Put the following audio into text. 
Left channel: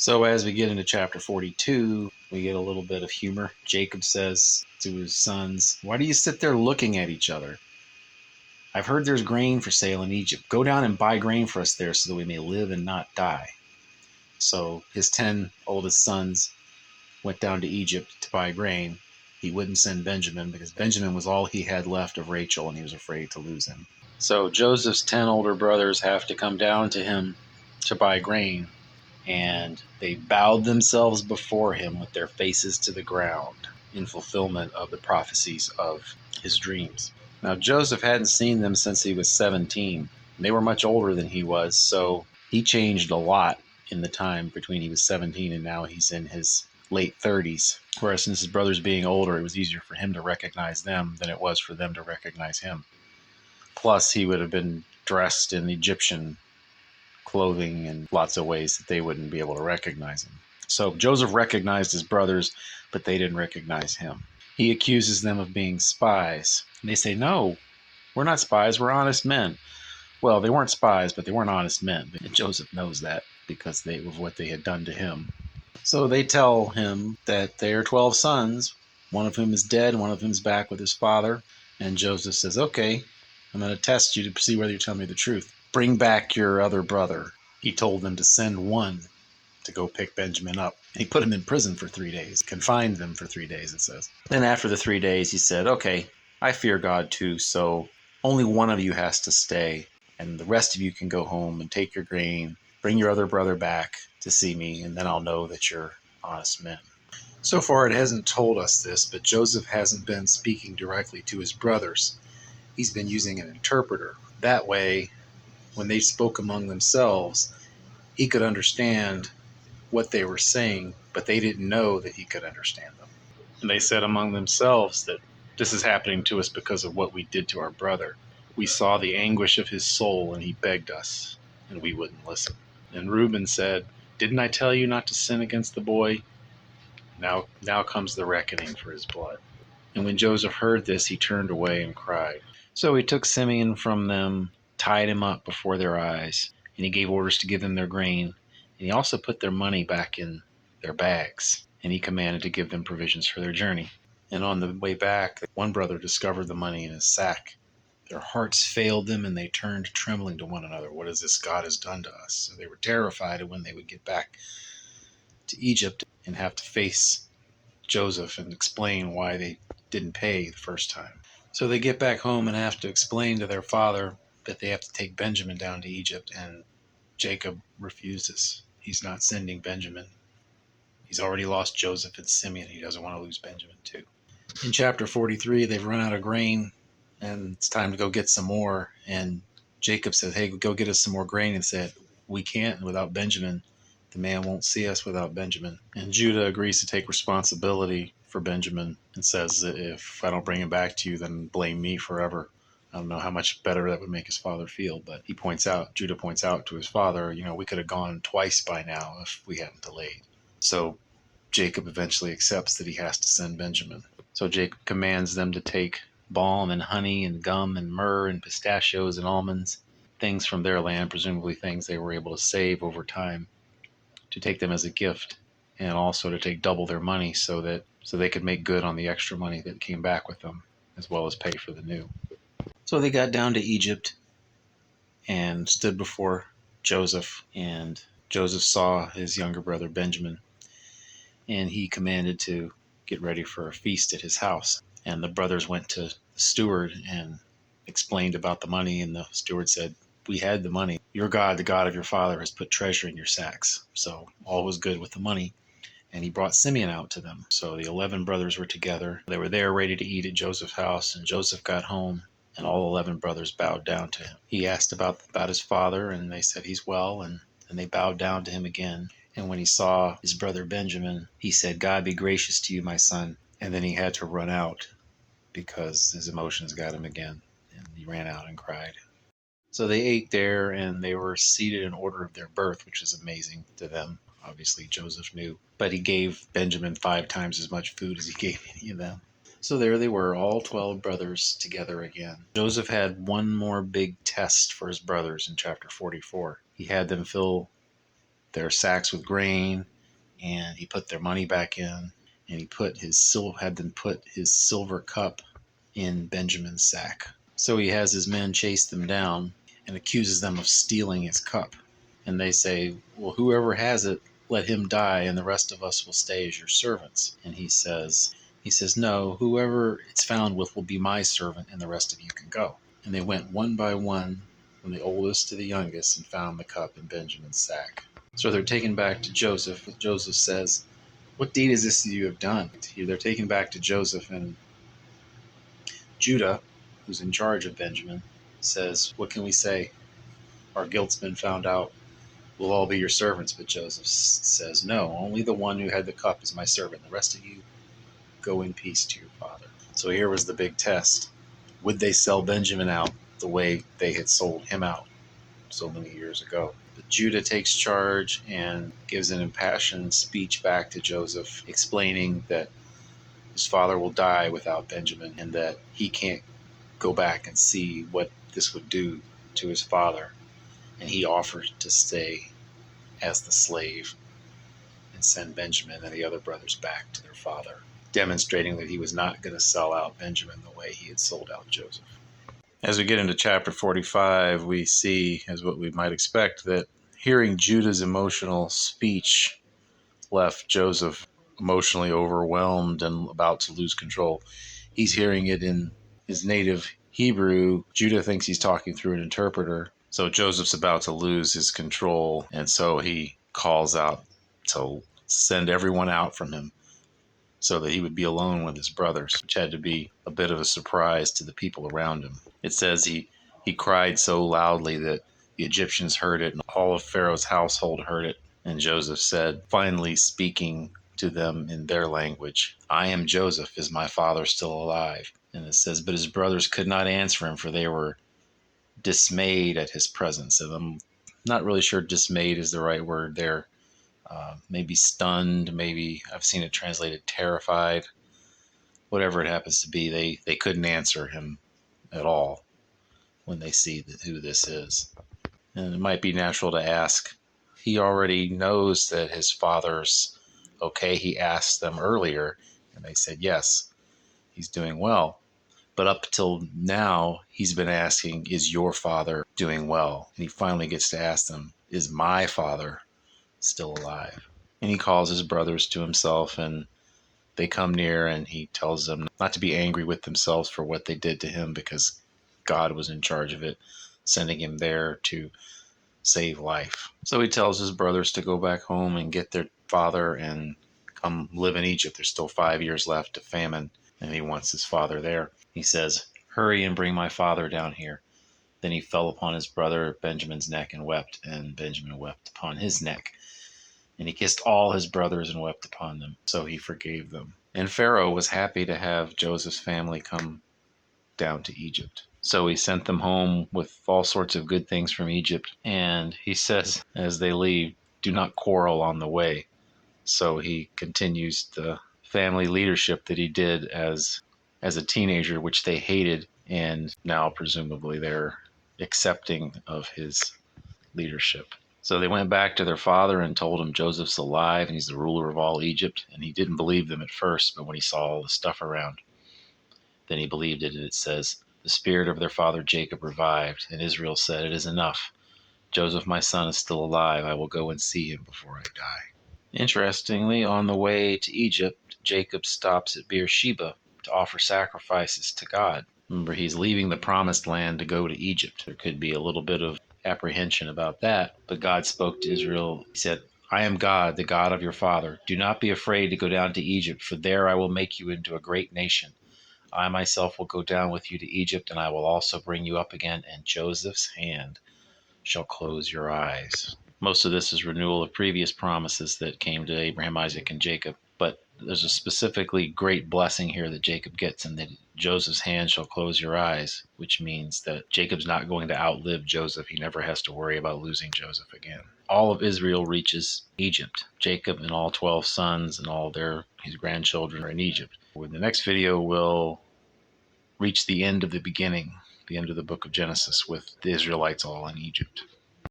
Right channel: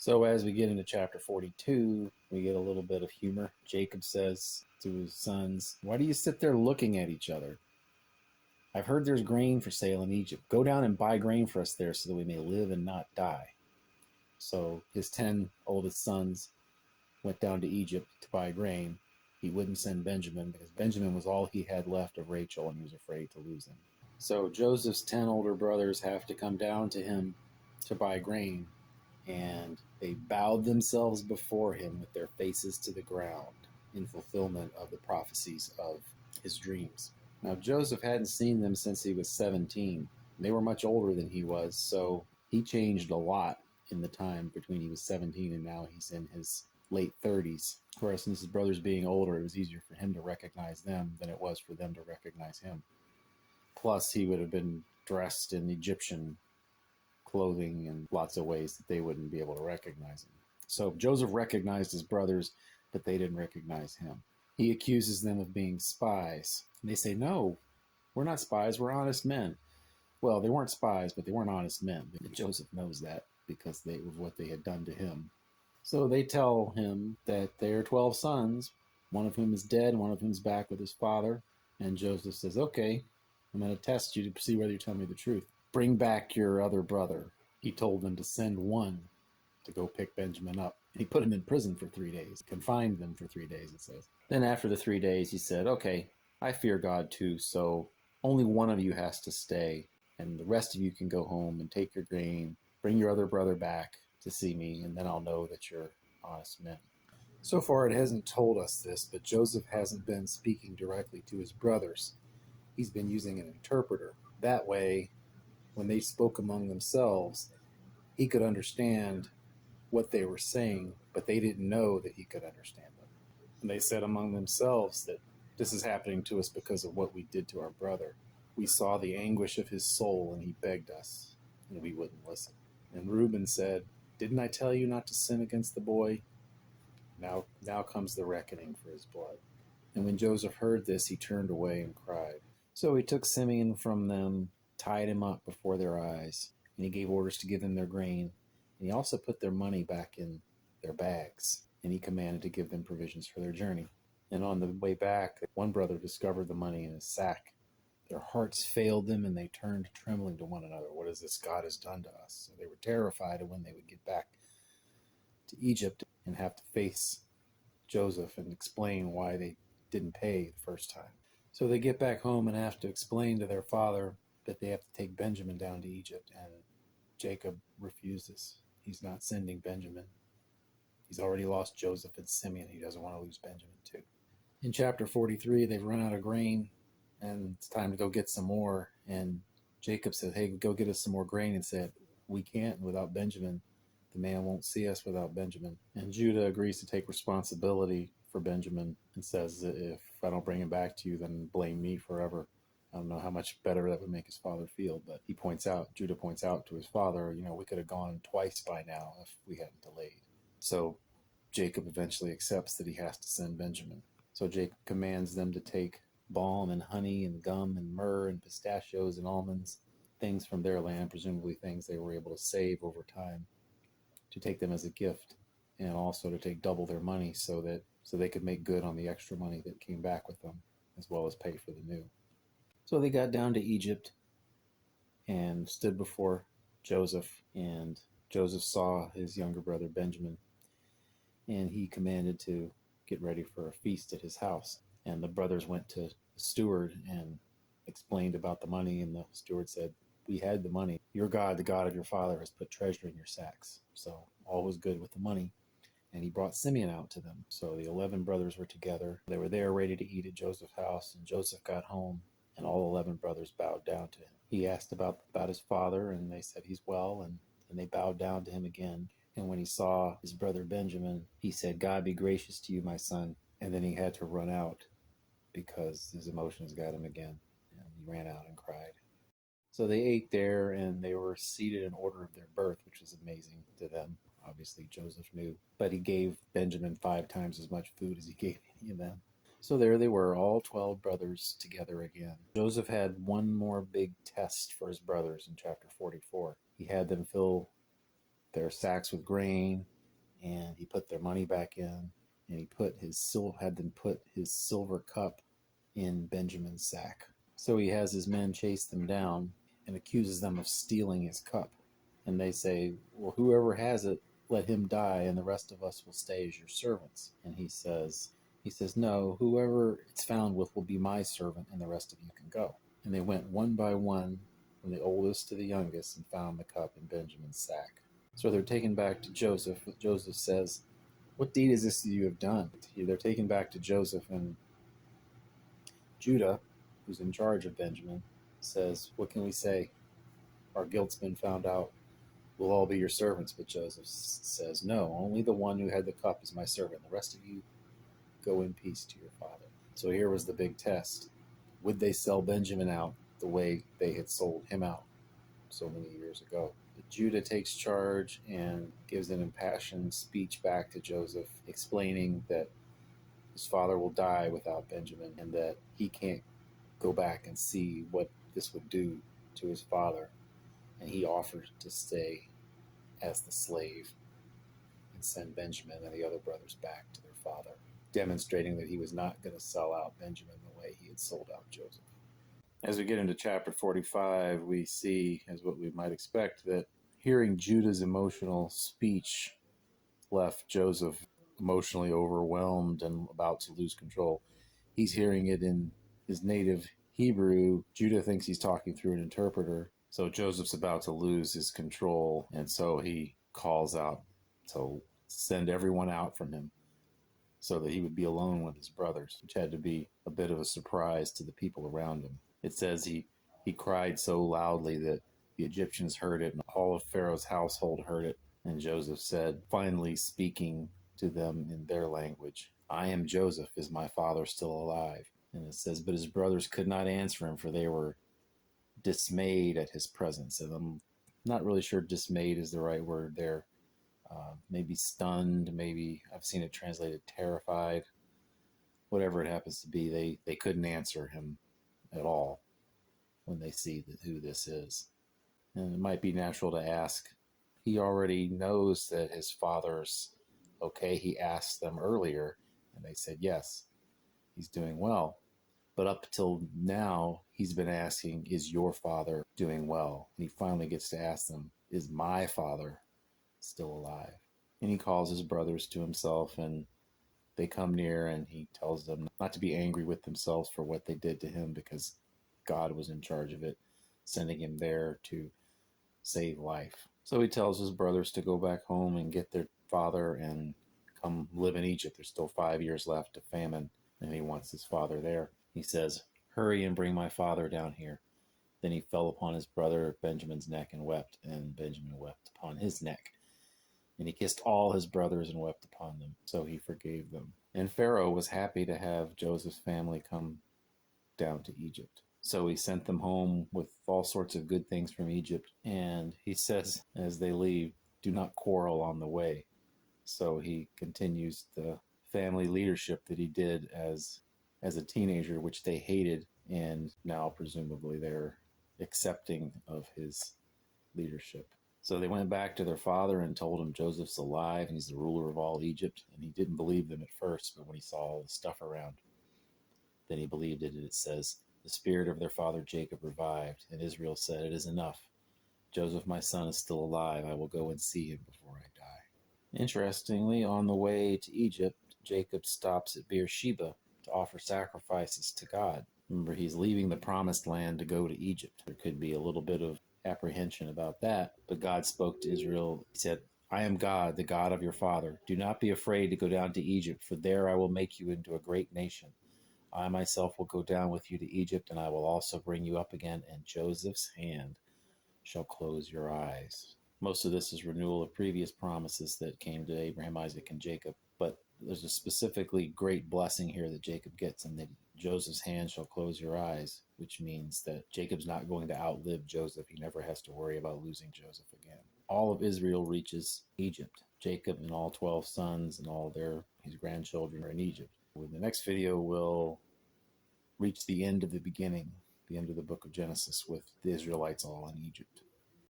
So as we get into chapter 42, we get a little bit of humor. Jacob says to his sons, "Why do you sit there looking at each other? I've heard there's grain for sale in Egypt. Go down and buy grain for us there so that we may live and not die." So his 10 oldest sons went down to Egypt to buy grain. He wouldn't send Benjamin because Benjamin was all he had left of Rachel and he was afraid to lose him. So Joseph's 10 older brothers have to come down to him to buy grain, and they bowed themselves before him with their faces to the ground in fulfillment of the prophecies of his dreams. Now, Joseph hadn't seen them since he was 17. They were much older than he was, so he changed a lot in the time between he was 17 and now he's in his late 30s. Whereas since his brothers being older, it was easier for him to recognize them than it was for them to recognize him. Plus, he would have been dressed in Egyptian clothing in lots of ways that they wouldn't be able to recognize him. So Joseph recognized his brothers, but they didn't recognize him. He accuses them of being spies. And they say, "No, we're not spies, we're honest men." Well, they weren't spies, but they weren't honest men. And Joseph knows that because of what they had done to him. So they tell him that they are 12 sons, one of whom is dead, one of whom is back with his father. And Joseph says, "Okay, I'm going to test you to see whether you tell me the truth. Bring back your other brother." He told them to send one to go pick Benjamin up. And he put him in prison for 3 days, confined them for 3 days, it says. Then after the 3 days, he said, "Okay, I fear God too, so only one of you has to stay, and the rest of you can go home and take your grain, bring your other brother back to see me, and then I'll know that you're honest men." So far, it hasn't told us this, but Joseph hasn't been speaking directly to his brothers. He's been using an interpreter. That way, when they spoke among themselves, he could understand what they were saying, but they didn't know that he could understand them. And they said among themselves that this is happening to us because of what we did to our brother. We saw the anguish of his soul, and he begged us, and we wouldn't listen. And Reuben said, "Didn't I tell you not to sin against the boy? Now comes the reckoning for his blood." And when Joseph heard this, he turned away and cried. So he took Simeon from them, tied him up before their eyes, and he gave orders to give them their grain. And he also put their money back in their bags, and he commanded to give them provisions for their journey. And on the way back, one brother discovered the money in his sack. Their hearts failed them, and they turned trembling to one another. "What is this God has done to us?" So they were terrified of when they would get back to Egypt and have to face Joseph and explain why they didn't pay the first time. So they get back home and have to explain to their father that they have to take Benjamin down to Egypt, and Jacob refuses. He's not sending Benjamin. He's already lost Joseph and Simeon. He doesn't want to lose Benjamin too. In chapter 43, they've run out of grain, and it's time to go get some more. And Jacob says, "Hey, go get us some more grain." And said, "We can't without Benjamin. The man won't see us without Benjamin." And Judah agrees to take responsibility for Benjamin and says that if I don't bring him back to you, then blame me forever. I don't know how much better that would make his father feel, but Judah points out to his father, we could have gone twice by now if we hadn't delayed. So Jacob eventually accepts that he has to send Benjamin. So Jacob commands them to take balm and honey and gum and myrrh and pistachios and almonds, things from their land, presumably things they were able to save over time, to take them as a gift, and also to take double their money so they could make good on the extra money that came back with them, as well as pay for the new. So they got down to Egypt and stood before Joseph, and Joseph saw his younger brother Benjamin, and he commanded to get ready for a feast at his house. And the brothers went to the steward and explained about the money, and the steward said, "We had the money. Your God, the God of your father, has put treasure in your sacks." So all was good with the money. And he brought Simeon out to them. So the 11 brothers were together. They were there ready to eat at Joseph's house, and Joseph got home, and all 11 brothers bowed down to him. He asked about his father, and they said he's well, and they bowed down to him again. And when he saw his brother Benjamin, he said, "God be gracious to you, my son." And then he had to run out because his emotions got him again, and he ran out and cried. So they ate there, and they were seated in order of their birth, which is amazing to them. Obviously, Joseph knew, but he gave Benjamin 5 times as much food as he gave any of them. So there they were, all 12 brothers together again. Joseph had one more big test for his brothers in chapter 44. He had them fill their sacks with grain, and he put their money back in, and he had them put his silver cup in Benjamin's sack. So he has his men chase them down and accuses them of stealing his cup. And they say, well, whoever has it, let him die, and the rest of us will stay as your servants. And he says, no, whoever it's found with will be my servant, and the rest of you can go. And they went one by one, from the oldest to the youngest, and found the cup in Benjamin's sack. So they're taken back to Joseph. Joseph says, what deed is this that you have done? They're taken back to Joseph, and Judah, who's in charge of Benjamin, says, what can we say? Our guilt's been found out. We'll all be your servants. But Joseph says, no, only the one who had the cup is my servant. The rest of you go in peace to your father. So here was the big test. Would they sell Benjamin out the way they had sold him out so many years ago? But Judah takes charge and gives an impassioned speech back to Joseph, explaining that his father will die without Benjamin, and that he can't go back and see what this would do to his father. And he offers to stay as the slave and send Benjamin and the other brothers back to their father, demonstrating that he was not going to sell out Benjamin the way he had sold out Joseph. As we get into chapter 45, we see, as what we might expect, that hearing Judah's emotional speech left Joseph emotionally overwhelmed and about to lose control. He's hearing it in his native Hebrew. Judah thinks he's talking through an interpreter. So Joseph's about to lose his control, and so he calls out to send everyone out from him so that he would be alone with his brothers, which had to be a bit of a surprise to the people around him. It says he cried so loudly that the Egyptians heard it, and all of Pharaoh's household heard it. And Joseph said, finally speaking to them in their language, I am Joseph. Is my father still alive? And it says, but his brothers could not answer him, for they were dismayed at his presence. And I'm not really sure dismayed is the right word there. Maybe stunned, maybe I've seen it translated terrified. Whatever it happens to be, they couldn't answer him at all when they see who this is. And it might be natural to ask, he already knows that his father's okay. He asked them earlier, and they said yes, he's doing well. But up till now, he's been asking, is your father doing well? And he finally gets to ask them, is my father still alive? And he calls his brothers to himself, and they come near, and he tells them not to be angry with themselves for what they did to him, because God was in charge of it, sending him there to save life. So he tells his brothers to go back home and get their father and come live in Egypt. There's still 5 years left of famine, and he wants his father there. He says, hurry and bring my father down here. Then he fell upon his brother Benjamin's neck and wept, and Benjamin wept upon his neck. And he kissed all his brothers and wept upon them. So he forgave them. And Pharaoh was happy to have Joseph's family come down to Egypt. So he sent them home with all sorts of good things from Egypt. And he says, as they leave, do not quarrel on the way. So he continues the family leadership that he did as a teenager, which they hated. And now presumably they're accepting of his leadership. So they went back to their father and told him Joseph's alive and he's the ruler of all Egypt. And he didn't believe them at first, but when he saw all the stuff around, then he believed it. And it says, the spirit of their father Jacob revived, and Israel said, it is enough. Joseph, my son, is still alive. I will go and see him before I die. Interestingly, on the way to Egypt, Jacob stops at Beersheba to offer sacrifices to God. Remember, he's leaving the promised land to go to Egypt. There could be a little bit of apprehension about that, but God spoke to Israel. He said, I am God, the God of your father. Do not be afraid to go down to Egypt, for there I will make you into a great nation. I myself will go down with you to Egypt, and I will also bring you up again, and Joseph's hand shall close your eyes. Most of this is renewal of previous promises that came to Abraham, Isaac, and Jacob, but there's a specifically great blessing here that Jacob gets, and that Joseph's hand shall close your eyes, which means that Jacob's not going to outlive Joseph. He never has to worry about losing Joseph again. All of Israel reaches Egypt. Jacob and all 12 sons and all his grandchildren are in Egypt. In the next video, we'll reach the end of the beginning, the end of the book of Genesis, with the Israelites all in Egypt.